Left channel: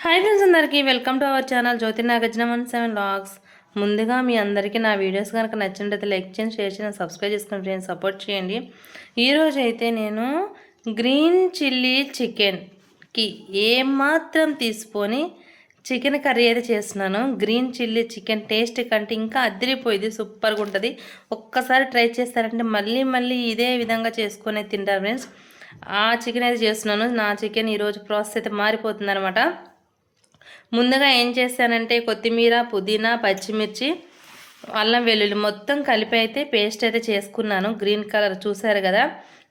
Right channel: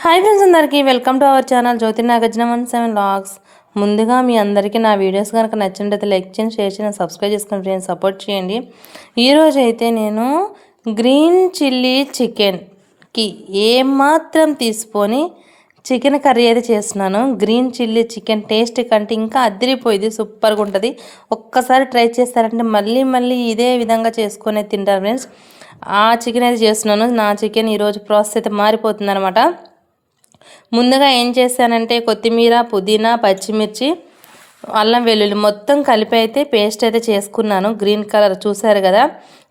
Hi friends, అందరికీ welcome to our channel Jyothi Nagarjuna 17 vlogs. ముందుగా మీ అందరికీ నా వీడియోస్ కనుక నచ్చినట్లయితే లైక్ చేయండి, షేర్ చేయండి, సబ్స్క్రైబ్ చేసుకుని ఫ్రెండ్స్ సపోర్ట్ చేయండి. ఈరోజు అయితే నేను గ్రీన్ చిల్లీ చికెన్కి ఏమాత్రం తీసుకొని చికెన్ కర్రీ అయితే చేస్తున్నాను. గ్రీన్ చిల్లీ చికెన్ టేస్ట్ కంటే ఇంకా అదిరిపోయింది, సూపర్గా ఉంటుంది. ఒక్కసారి ట్రై చేస్తారంటే మళ్ళీ మళ్ళీ ఇదే విధంగా చేసుకొని తింటారు ఫ్రెండ్స్. ఆ చికెన్ అయితే చేస్తున్నాను. నా చికెన్ ఈరోజు ప్రాసెస్ అయితే మారిపోతుంది అనమాట. ముందుగా ఏం చేశానంటే కొత్తిమీర, పుదీనా, పచ్చిమిర్చి, అల్లం వెల్లుల్లి మొత్తం కలిపి అయితే పేస్ట్ అయితే చేసుకున్నాను. గ్రీన్ కలర్ చూసారు కదా.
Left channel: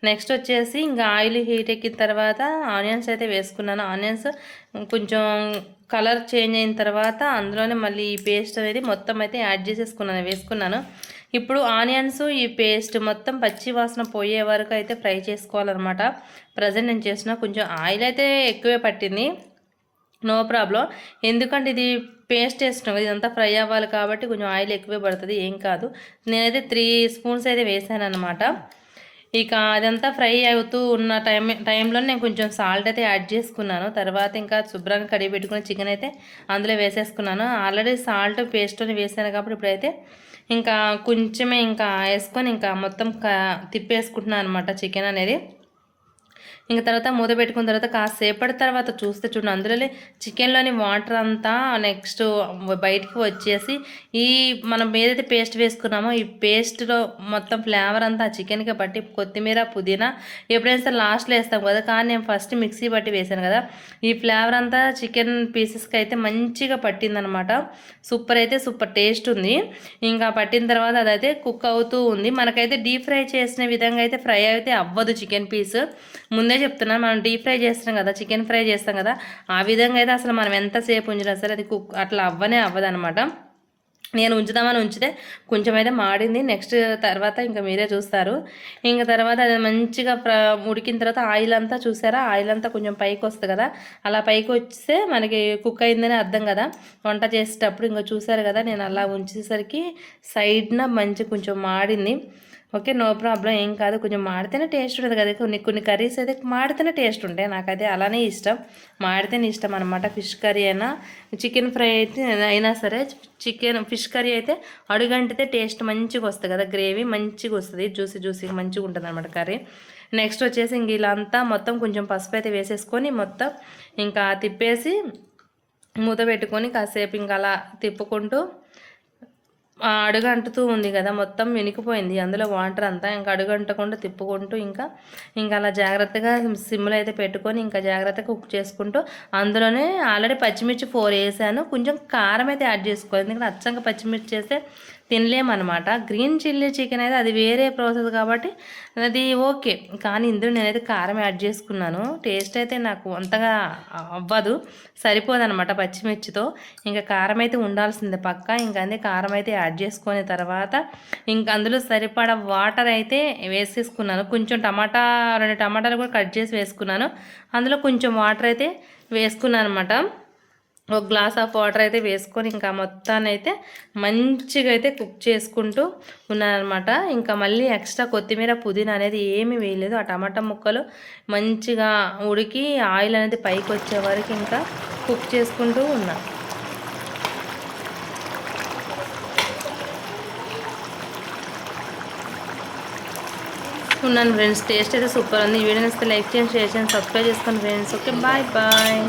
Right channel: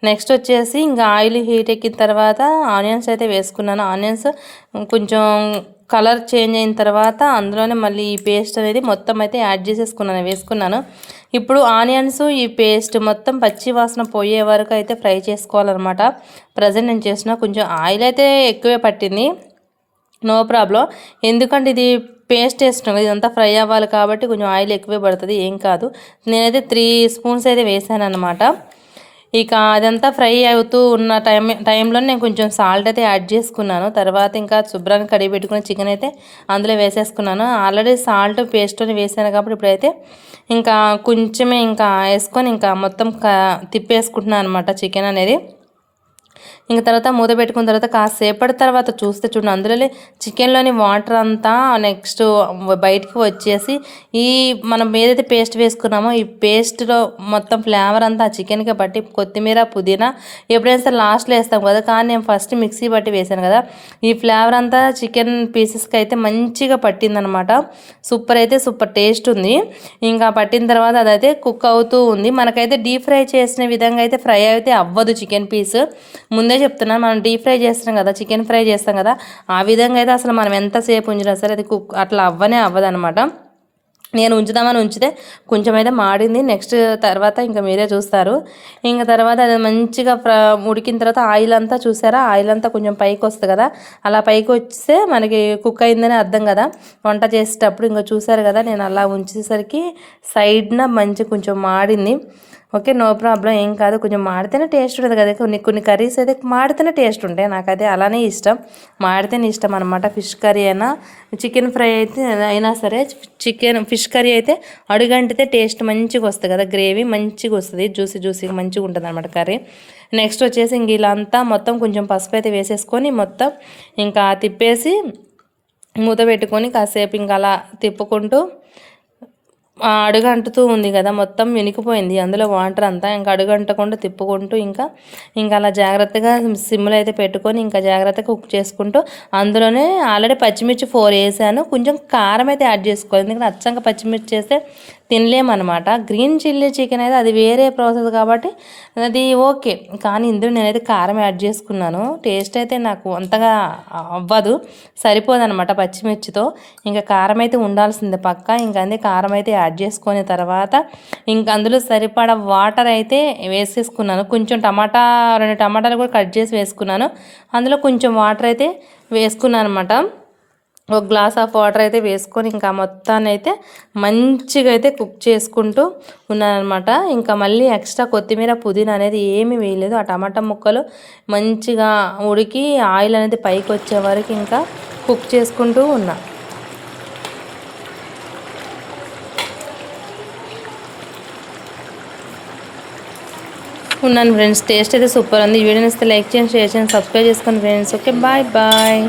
నెక్స్ట్ వచ్చేసి ఇంకా ఆయిల్ హీట్ ఎక్కిన తర్వాత ఆనియన్స్ అయితే వేసుకున్నాను. ఆనియన్స్ కొంచెం కలర్ చేంజ్ అయిన తర్వాత అందులోనే మళ్ళీ ఈ పేస్ట్ అనేది మొత్తం అయితే యాడ్ వేసుకున్నాను. ఇప్పుడు ఆనియన్స్ ఈ పేస్ట్ మొత్తం పచ్చి వాసన పోయే వరకు అయితే ఫ్రై చేసుకోవాలన్నమాట. ప్రజెంట్ నేను చేసిన కొంచెం ఆయిల్ అయితే ఎక్కువే పట్టింది, నో ప్రాబ్లం. ఎందుకంటే ఇది పేస్ట్ వేస్తున్నాం, ఇదంతా ఫ్రై అవ్వాలి కాబట్టి కొంచెం ఆయిల్ ఎక్కువే పడుతుంది, ఏం కాదు. నేనైతే 3 స్పూన్స్ అయితే వేసాను అనమాట. ఇక అదంతా ఫ్రై అవుతూ ఉన్న టైంలో నేను కొంచెం సాల్ట్ అయితే యాడ్ చేసుకున్నాను. తర్వాత ఇంకా శుభ్రంగా కడిగి పెట్టుకున్న చికెన్ అయితే అందులో వేసేసుకున్నాను. ఆల్రెడీ సాల్ట్ పేస్ట్ని వేసాను కాబట్టి ఇప్పుడైతే ఇంకా కొంచెమే ఇంకా వేసుకొని ఇంకా మొత్తం తిప్పేసుకుంటున్నాను అనమాట చికెన్ అనేది. ఇంక తర్వాత మూత పెట్టుకున్న తర్వాత కాసేపటి తర్వాత చూస్తే చూడండి, అందులో చికెన్లోని వాటర్ అంతా నెక్స్ట్ బయటకు వచ్చేసి ఈ మనం ఏదైతే పేస్ట్ వేసుకున్నామో ఈ పేస్ట్లో మొత్తం ఫ్లేవర్ అంతా ఆ చికెన్కి బట్టి కొత్తిమీర, పుదీనా ఎప్పుడైనా సరే లాస్ట్లో వేస్తాం కదా, కానీ నేను ఫస్ట్ మిక్సీ బట్టి వేసాను కదా. ఈ ఫ్లేవర్ అంతా చికెన్ పీసెస్కి అయితే మంచిగా పట్టిందనమాట. సూపర్ అయితే సూపర్ టేస్ట్ ఉంది. ఇంకా పట్టిన తర్వాత అదైతే కుక్ అవుతూ ఉంది. మనకైతే డీప్ ఫ్రై చేసిన విధంగా అయితే ఫ్రై అయితే అవ్వదు చికెన్ పీస్. ముందే చెప్తున్నాను, మనం డీప్ ఫ్రై చేస్తాం కదా, చికెన్ ఫ్రై చేస్తాం కదా, ఆ విధంగా అయితే అసలు మనం ఎంతసేపు ఉంచినా సరే అది కుక్ అట్లా అవ్వదనమాట. నేను ఉంచుదామని ఉంచితే కొంచెం అయితే మాడింది. నెక్స్ట్ తర్వాత ఇంకా మీరే చూస్తారు. ఇంకా తర్వాత అది మంచిగా ఉడికిన తర్వాత ఆయిల్ అంతా చూసారా, ఆయిల్ అంతా కొంచెం పైకి వస్తుంది కదా, అలా పైకి వస్తే మనకి కుక్ అయిందని అర్థం కదా వంట చేసేటప్పుడు. ఇంకా చూసారు కదా, నేను అలా ఉంచేసరికి సైడ్న మంచి కొంచెం మాడింది. ఓకే, నో ప్రాబ్లం, ఏం కాదు. కొంచెం మాడితేనే టేస్ట్ ఉంటుంది కదా. కొన్ని కర్రీస్ అయితే మాడితేనే టేస్ట్ ఉంటాయి. నాకైతే అలానే ఇష్టం, మాడితేనే ఇష్టం అనమాట. ఫిష్ కర్రీ అయినా చికెన్ ఫ్రై అయితే అయినా సరే, ఫిష్ కర్రీ అయితే అడుగంటితే టేస్ట్ మంచిగా వస్తుంది కదా, గ్రేవీ మంచిగా వస్తుంది, జ్యూసీగా మంచిగా ఉంటుంది అనమాట కర్రీ. నెక్స్ట్ వచ్చేసి ఇంక ఇలా అంతా మొత్తం కొంచెం పసుపు అయితే వేసేసుకొని మొత్తం ఇంకా తిప్పేసి మూత పెట్టుకొని కాసేపు ఇంకా అలా తిప్పుకుంటూ అడుగు అంటుతూ ఉంది కదా, మొత్తం వినికిపోయింది అందులో వాటర్ అంతా. ఇంకా అడుగు అంటకుండా తిప్పుకుంటూ ఇంకా అలా జాగ్రత్తగా సిమ్లో అయితే పెట్టుకొని ఇంకా జాగ్రత్తగా కుక్ చేసుకుంటూ అందులోనే ఆల్రెడీ పచ్చిమిర్చి 4 వేసాను. కొంచెం కారం అయితే యాడ్ చేసుకోవాలి, ఎందుకంటే అచ్చంగా పచ్చిమిర్చి చేస్తే తినలేమన్నమాట. గ్రీన్ చిల్లీ చికెన్ అయితే అది వేరే ప్రాసెస్ కాబట్టి అది ఓకే, కానీ ఇందులో నేనైతే కారం యాడ్ చేసుకున్నాను. టేస్ట్ అయితే నాకు అంతగా అవ్వదు, సరిపోదన్నమాట పచ్చిమిర్చితో. ఇంకా కారం అయితే ఉండాల్సిందే పక్కా. ఇంకా అదే కారం అయితే యాడ్ చేసుకునే తర్వాత ఇంకా అందులో సరిపడా వాటర్ అయితే వేసేసుకున్నాను. కొంచెం 2 టమాటాలు కూడా కట్ చేసి వేసుకున్నాను. అందులో కొంచెం వాటర్ అయితే వేసుకున్నాను అనమాట. ఒక గ్లాస్ ఆఫ్ వాటర్ అయితే వేసుకొని ఇంకా మొత్తాన్ని అయితే మంచిగా అయితే కుక్ చేసుకుంటూ ఉన్నానమాట. ఇంకా మళ్ళీ ఎక్స్ట్రా కొత్తిమీర, పుదీనా అనేది ఏమీ వేయలేదు. ఆ టమాటా ముక్కలు మంచిగా ఉడికి ఆయిల్ అనేది పైకి వచ్చే వరకు ఇంకా కుక్ చేసుకుంటూ ఉన్నాను ఫ్రెండ్స్. టేస్ట్ అయితే సూపర్ ఉంది. ఈ వీడియోని ఇస్తే లైక్ చేయండి, షేర్ చేయండి, సబ్స్క్రైబ్ చేసుకోండి ఫ్రెండ్స్. Okay, bye.